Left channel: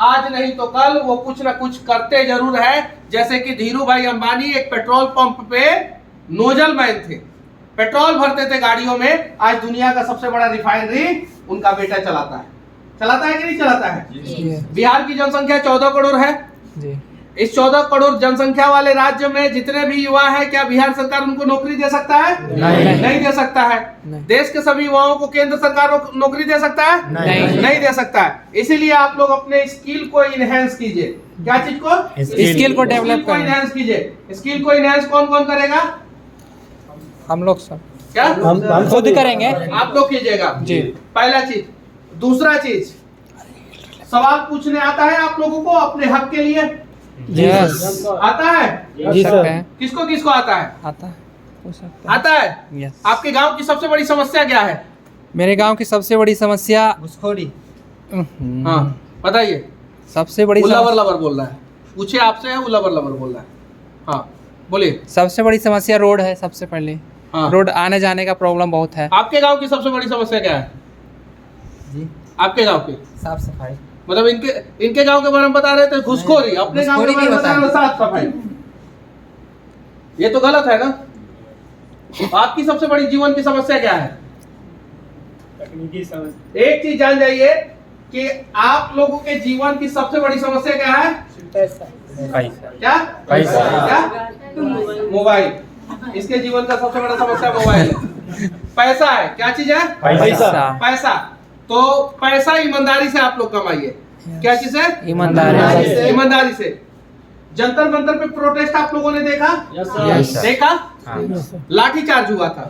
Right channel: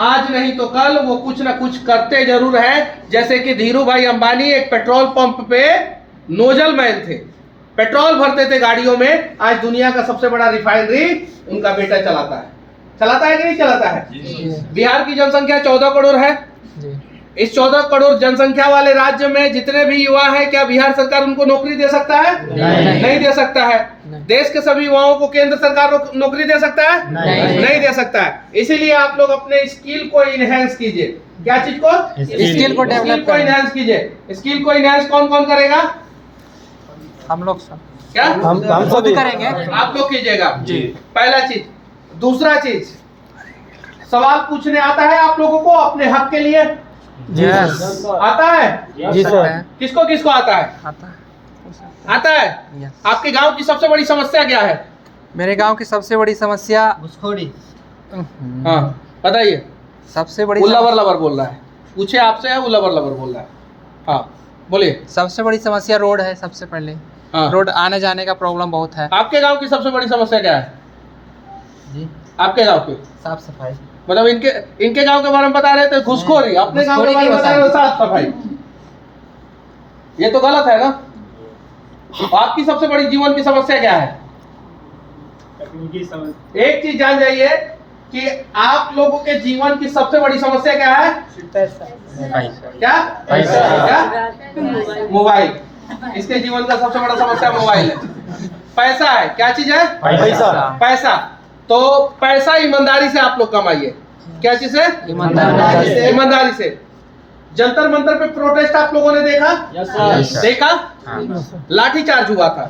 आज नहीं तो कल वो कुछ ना कुछ करते जरूर है। जैसे कि धीरू भाई अंबानी एक पेट्रोल पंप पे नोजल मैन थे, पेट्रोल भरते थे गाड़ियों में। आज दुनिया का सबसे बड़ा रिफाइनरी उनका बेटा चलाता है। चलाता है कि नहीं चलाता है? बिहार की जनसंख्या 14 करोड़ है। इस 14 करोड़ जनसंख्या वाले राज्य में जितने भी युवा हैं, क्या बिहार सरकार उनको नौकरी दे सकता है? नहीं दे सकता है। देश के सभी युवाओं को केंद्र सरकार नौकरी दे सकता है? नहीं दे सकता है। इसीलिए आप लोग अपने स्किल को इनहेंस कीजिए। क्या चीज को? स्किल को डेवलप को इनहेंस कीजिए। स्किल को इनहेंस कौन कौन करेगा? हम लोग सब। क्या हम खुद करेंगे। आप लोग कीजिएगा जी। पहला चीज। दूसरा चीज, सवाल पूछने आता है आप लोगों को अपने हक के लिए? यस। आता है? जी सर। किसको किसको आता है? आता है। यस। आपके गांव की सबसे बड़ी समस्या क्या है? मेरे गांव की सबसे बड़ी समस्या घुसखोरी। हाँ बताइए। सबसे बड़ी उल्लावर लवर बोल रहा है, पूछे आपसे है, उल्लावर लवर बोल रहा है। हाँ बोलिए। सबसे बड़ी समस्या रोड है। सबसे पहले हाँ। रोड आने जाने का प्रॉब्लम बहुत है। आपके गांव की सबसे बड़ी समस्या क्या है? जी। आपके गांव की साफ सफाई। मतलब इनके गांव के बारे में बता रहे थे घुसखोरी, अपने गांव के बारे में बता रहे हो साफ सफाई। ये तो गलत है ना। आपकी सबसे बड़ी जीवन की समस्या क्या है? एक चीज जान जाइए कि आप लोगों के जीवन की सबसे बड़ी समस्या क्या है? क्या? क्या? मोबाइल। इसके जीवन का सबसे बड़ा समस्या मोबाइल है। पैसा है। क्या चीज है? पैसा। तो पैसा ईमानदारी से आप लोग कमाइए। क्या चीज है? ईमानदारी से। जंतर मंतर पे प्रोटेस्ट आप लोगों ने देखा? देखा? लाठीचार्ज हुआ था।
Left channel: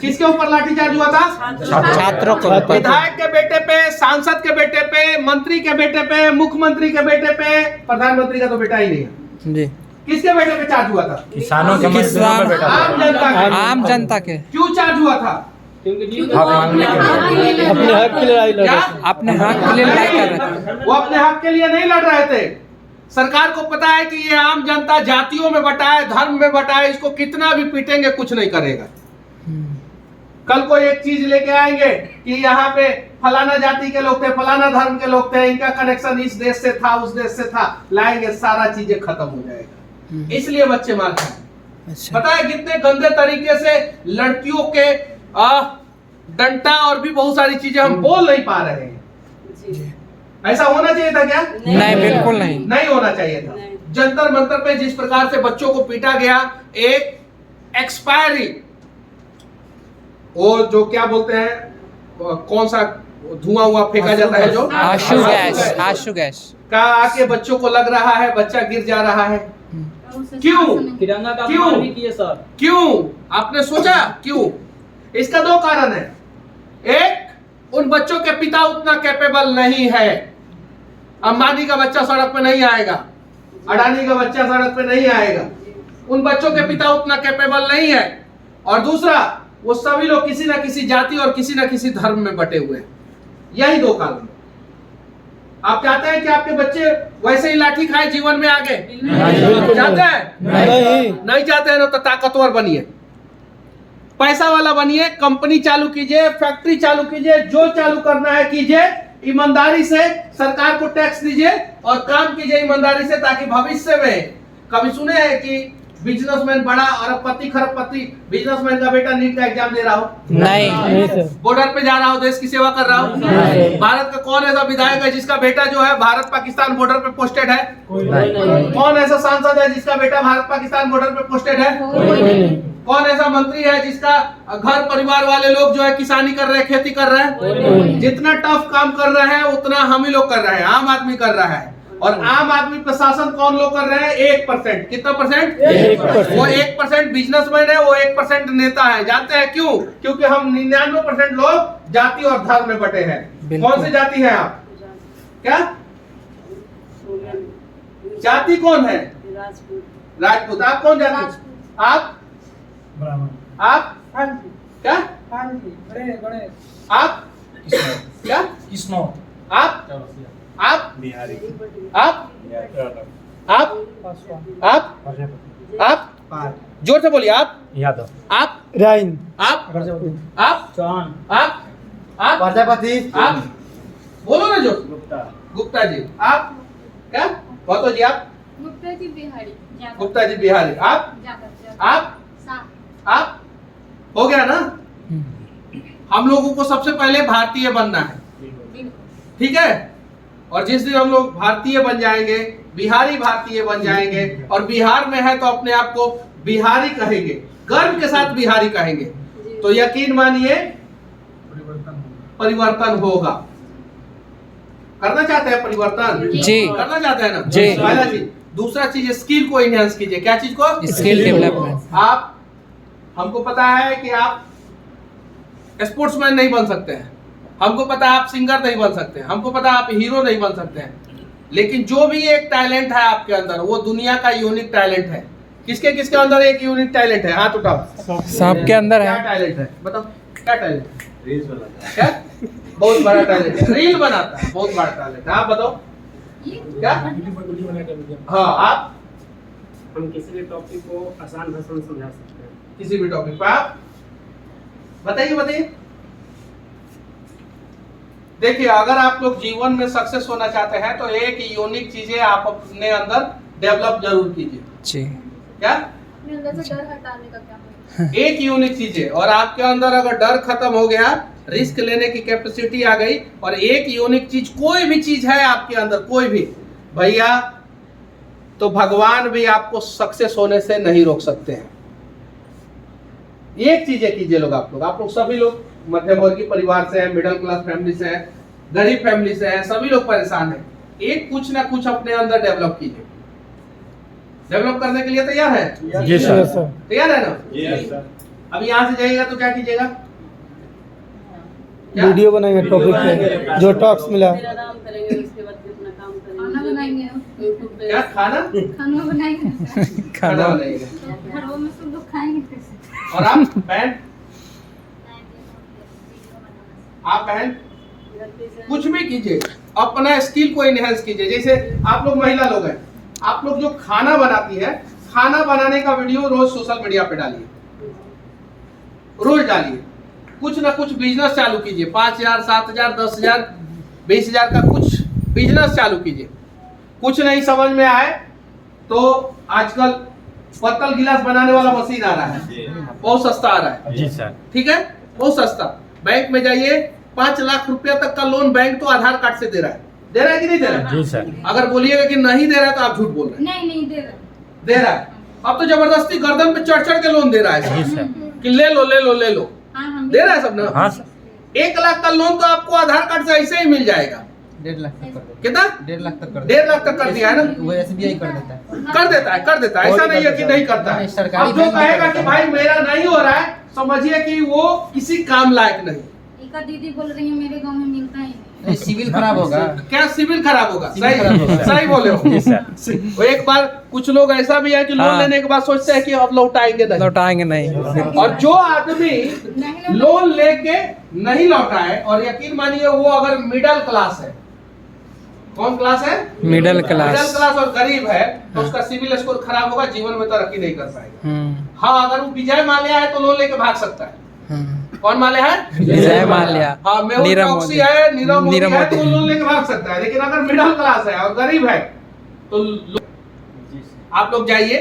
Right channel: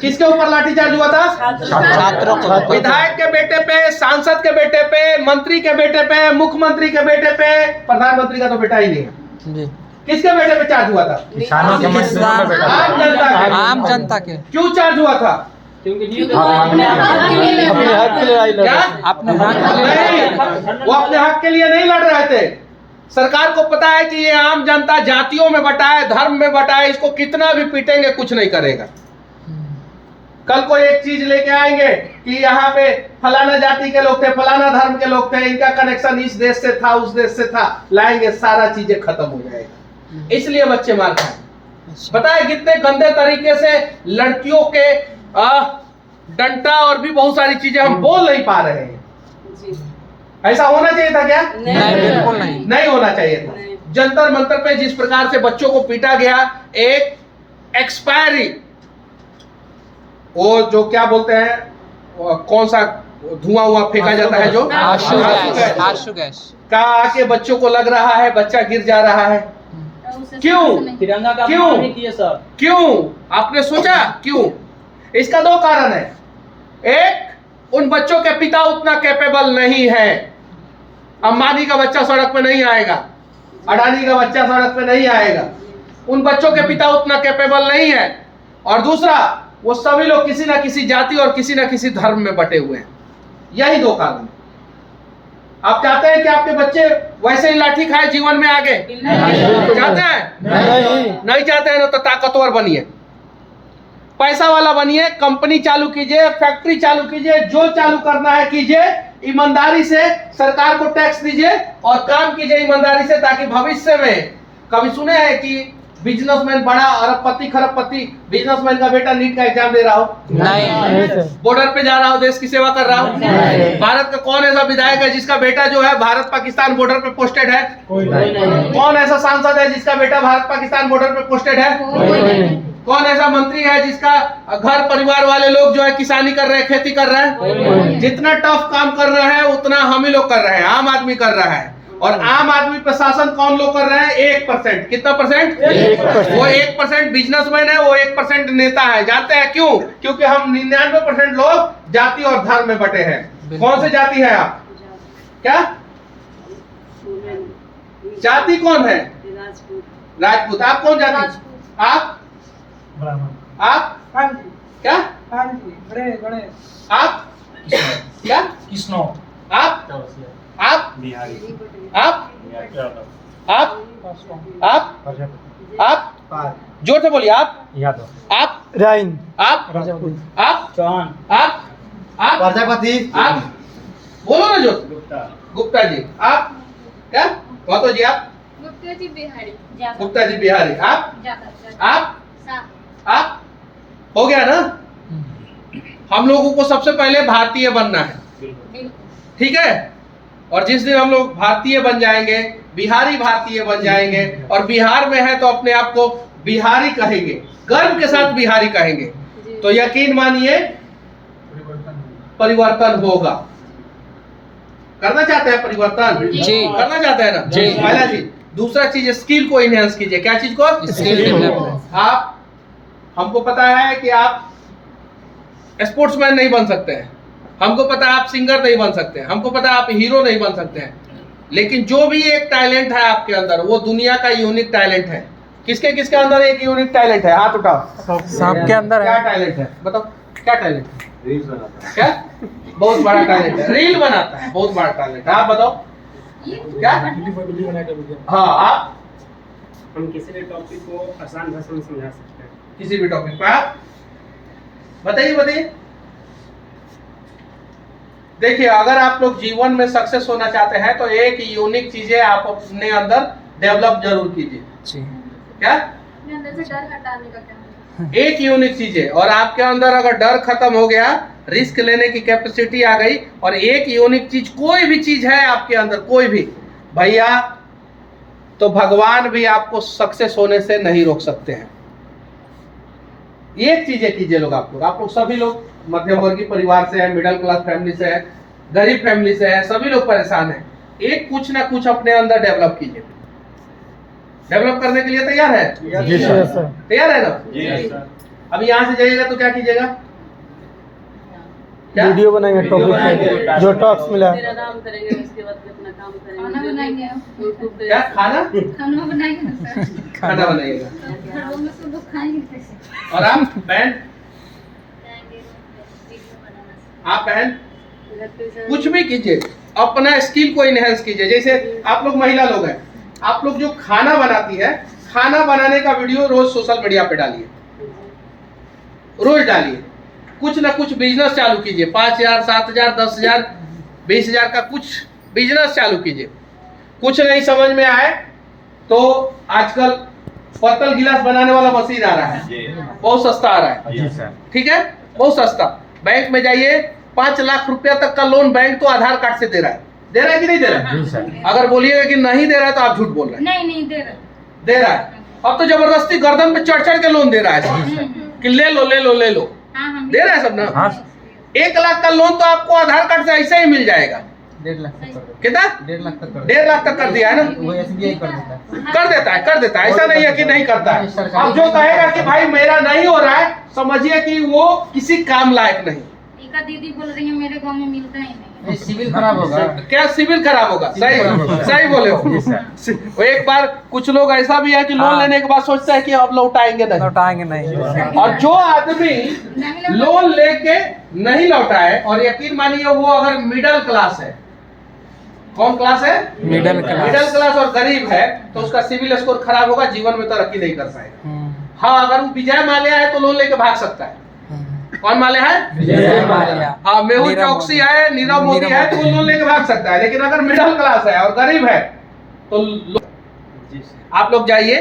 किसके ऊपर लाठीचार्ज हुआ था? छात्रों को। विधायक के बेटे पे, सांसद के बेटे पे, मंत्री के बेटे पे, मुख्यमंत्री के बेटे पे। प्रधानमंत्री का तो बेटा ही नहीं है। जी। किसके बेटे पे चार्ज हुआ था? किसानों के मजदूरों पे बेटा। आम जनता के। क्यों चार्ज हुआ था? अपने हक के लिए क्या? अपने हक के लिए लड़ाई कर रहे थे। वो अपने हक के लिए नहीं लड़ रहे थे। सरकार को पता है कि ये आम जनता जातियों में बटा है, धर्म में बटा है, इसको कितना भी पीटेंगे कुछ नहीं करेगा। कल को एक चीज लेके आएंगे कि यहाँ पे फलाना जाति के लोग थे, फलाना धर्म के लोग थे, इनका कनेक्शन इस देश से था, उस देश से था, लाएंगे, सारा चीजें खत्म हो जाएगा। इसलिए बच्चे मार खाए। पता है कितने गंदे तरीके से लड़कियों के डंटा और भी बहुत सारी चीजें हम बोल नहीं पा रहे हैं। ऐसा होना चाहिए था क्या? नहीं, बिल्कुल नहीं। नहीं होना चाहिए था। जंतर मंतर पे जिस प्रकार से बच्चों को पीटा गया, एक एक्सपायरी, वो जो क्या बोलते हैं, कौन सा धुआं फेंका जाता है, जो आशु गैस का आके बच्चों को लग रहा है, बच्चा गिर जा रहा है। क्यों? तिरंगा का क्यों? अपमान किए सर। क्यों? आपने सोचा क्यों? इसका दो कारण है। एक, उन बच्चों के पिता उतना कैपेबल नहीं है। अंबानी का बच्चा सड़क पे नहीं आएगा, अडानी का बच्चा सड़क पे नहीं आएगा। उन बच्चों के पिता उतना कैपेबल नहीं है। और दूसरा, वो सभी लोग किसी ना किसी जाति और किसी ना किसी धर्म में बटे हुए हैं। यही दो कारण। आप चाहते हैं कि आपके बच्चे वैसे ही लाठी खाए जीवन में आगे? चाहते हैं? नहीं चाहते हैं ना तो ताकतवर बनिए, पैसा वाला बनिए, कंपनी चालू कीजिए, फैक्ट्री चालू कीजिए, जो चालू करना है कीजिए, ईमानदारी से सरकार को टैक्स दीजिए और काम कीजिए ईमानदारी से, ताकि भविष्य में, कभी सुने हैं कि बिजनेसमैन, बड़ा अरबपति खरबपति बिजनेसमैन का बेटा नीट का एग्जाम दे रहा हो? नहीं। बॉर्डर पे जा रहा हो, देश की सेवा कर रहा हो? भारत का कौन ऐसा विधायक है जिसका बेटा जो है भारत पाकिस्तान बॉर्डर पे पोस्टेड है? कौन ऐसा सांसद है जिसका बेटा भारत पाकिस्तान बॉर्डर पे पोस्टेड है? कौन ऐसा मंत्री है जिसका घर परिवार वाले लोग जो है किसानी कर रहे हैं, खेती कर रहे हैं? जितना टफ काम कर रहे हैं उतना हम ही लोग कर रहे हैं, आम आदमी कर रहा है। और आम आदमी पे शासन कौन लोग कर रहे हैं? 1%। कितना परसेंट? 1%। वो 1% बिजनेसमैन है, वो 1% नेता है। जानते हैं क्यों? क्योंकि हम 99% लोग जाति और धर्म में बटे हैं। कौन से जाति है आप? क्या जाति? कौन है? राजपूत। आप कौन जाति? आप आप क्या? आप क्या? कृष्णो। आप बिहारी। आप जोर से बोलिए। आप यादव। आप राइन। आप चौहान। आप प्रजापति। आप बोलो ना जो। गुप्ता जी आप क्या महतो जी आप गुप्ता जी बिहारी गुप्ता जी बिहारी आप आप आप हो गया ना। हम लोगों को सबसे पहले भारतीय बनना है, ठीक है। और जिस दिन हम लोग भारतीय बन जाएंगे, बिहारी भारतीय बन जाएंगे और बिहार में है तो अपने आप को बिहारी कहेंगे, गर्व के साथ बिहारी कहेंगे, तो यकीन मानिए परिवर्तन होगा। करना चाहते हैं परिवर्तन? जी। करना चाहते हैं ना जी। पहला चीज। दूसरा चीज स्किल को इनहेंस कीजिए। क्या चीज को? Skill development. आप हमको पता है कि आप स्पोर्ट्समैन नहीं बन सकते हैं, हमको पता है आप सिंगर नहीं बन सकते हैं, हमको पता है आप हीरो नहीं बन सकते हैं, लेकिन जो भी एक टैलेंट है आपके अंदर वो दुनिया का यूनिक टैलेंट है। किसके किसके अंदर एक यूनिक टैलेंट है? हाथ उठाओ। सबके अंदर क्या है। टैलेंट है बताओ, क्या टैलेंट है? रील्स बनाता है। क्या? बहुत बड़ा टैलेंट है, रील बनाता है, बहुत बड़ा टैलेंट है। आप बताओ क्या? हाँ आप हम किसी भी टॉपिक को आसान भाषा में समझा सकते हैं। किसी भी टॉपिक पर आप बताइए बताइए। देखिए अगर आप लोग जीवन में सक्सेस होना चाहते हैं तो एक यूनिक चीजें आप अपने अंदर डेवलप जरूर कीजिए। जी। क्या? अपने अंदर से डर हटाने का क्या होगा? एक यूनिक चीज है, और आपके अंदर अगर डर खत्म हो गया, रिस्क लेने की कैपेसिटी आ गई, और एक यूनिक चीज कोई भी चीज है आपके अंदर, कोई भी भैया, तो भगवान भी आपको सक्सेस होने से नहीं रोक सकते हैं। एक चीजें कीजिए लोग, आप लोग सभी लोग मध्यम वर्गीय परिवार से है, मिडिल क्लास फैमिली से है, गरीब फैमिली से है, सभी लोग परेशान हैं। एक कुछ ना कुछ अपने अंदर डेवलप कीजिए। डेवलप करने के लिए तैयार है? जी सर। तैयार है ना? जी सर। अब यहाँ से जाइएगा तो क्या कीजिएगा? क्या? वीडियो बनाएंगे टॉपिक पे जो टॉक्स मिला है। आराम करेंगे, उसके बाद फिर अपना काम खाना करेंगे। बनाएंगे, यूट्यूब पे क्या खाना? खाना बनाएंगे ना सर। खाना बनाइएगा। घरों में सब लोग खाएंगे कैसे? और आप बहन, आप बहन घर पे से कुछ भी कीजिए, अपना स्किल को इनहेंस कीजिए। जैसे आप लोग महिला लोग हैं, आप लोग जो खाना बनाती है, खाना बनाने का वीडियो रोज सोशल मीडिया पे डालिए, रोज डालिए। कुछ ना कुछ बिजनेस चालू कीजिए, 5,000, 7,000, 10,000, 20,000 का कुछ बिजनेस चालू कीजिए। कुछ नहीं समझ में आए तो आजकल पत्तल गिलास बनाने वाला मशीन आ रहा है, बहुत सस्ता आ रहा है, ठीक है, बहुत सस्ता। बैंक में जाइए, 5 लाख रुपया तक का लोन बैंक तो आधार कार्ड से दे रहा है कि नहीं दे रहा है? अगर बोलिएगा कि नहीं दे रहा है तो आप झूठ बोल रहे हैं। नहीं दे रहा। दे रहा है। अब तो जबरदस्ती गर्दन पे चढ़ चढ़ के लोन दे रहा है कि ले लो ले लो ले लो। हाँ हम दे रहा है सब ना। 1 लाख का लोन तो आपको आधार कार्ड से ऐसे ही मिल जाएगा। 1.5 लाख तक कर कितना? 1.5 लाख तक कर 1.5 लाख तक कर दिया है ना। वो SBI कर देता है। कर देता है, ऐसा नहीं है कि नहीं करता है। अब जो कहेगा कि भाई मेरा नहीं हो रहा है, समझिए कि वो किसी काम लायक नहीं। एक दीदी बोल रही है मेरे गांव में मिलता ही नहीं। सिविल खराब होगा। क्या सिविल खराब होगा? सिविल खराब होगा। सही बोले हो। वो एक बार कुछ लोग ऐसा भी है कि लोन हाँ। लेने के बाद सोचता है कि अब लौटाएंगे नहीं। लौटाएंगे नहीं। और जो आदमी लोन लेके नहीं लौटाए, और यकीन मानिए वो अगर मिडिल क्लास है, कौन क्लास है? Middle class. मिडिल क्लास और गरीब है, तो उसका सिविल स्कोर खराब होगा, जीवन में तरक्की नहीं कर पाएगा। हाँ, अगर वो विजय माल्या है तो लोन लेके भाग सकता है। कौन माल्या है? विजय माल्या। हाँ, मेहुल नीरव चौकसी मोदी। है, नीरव मोदी नीरव है, तो मोदी। वो लोन लेके भाग सकता है। लेकिन अगर मिडिल क्लास है और गरीब है तो आप लोग जाइए,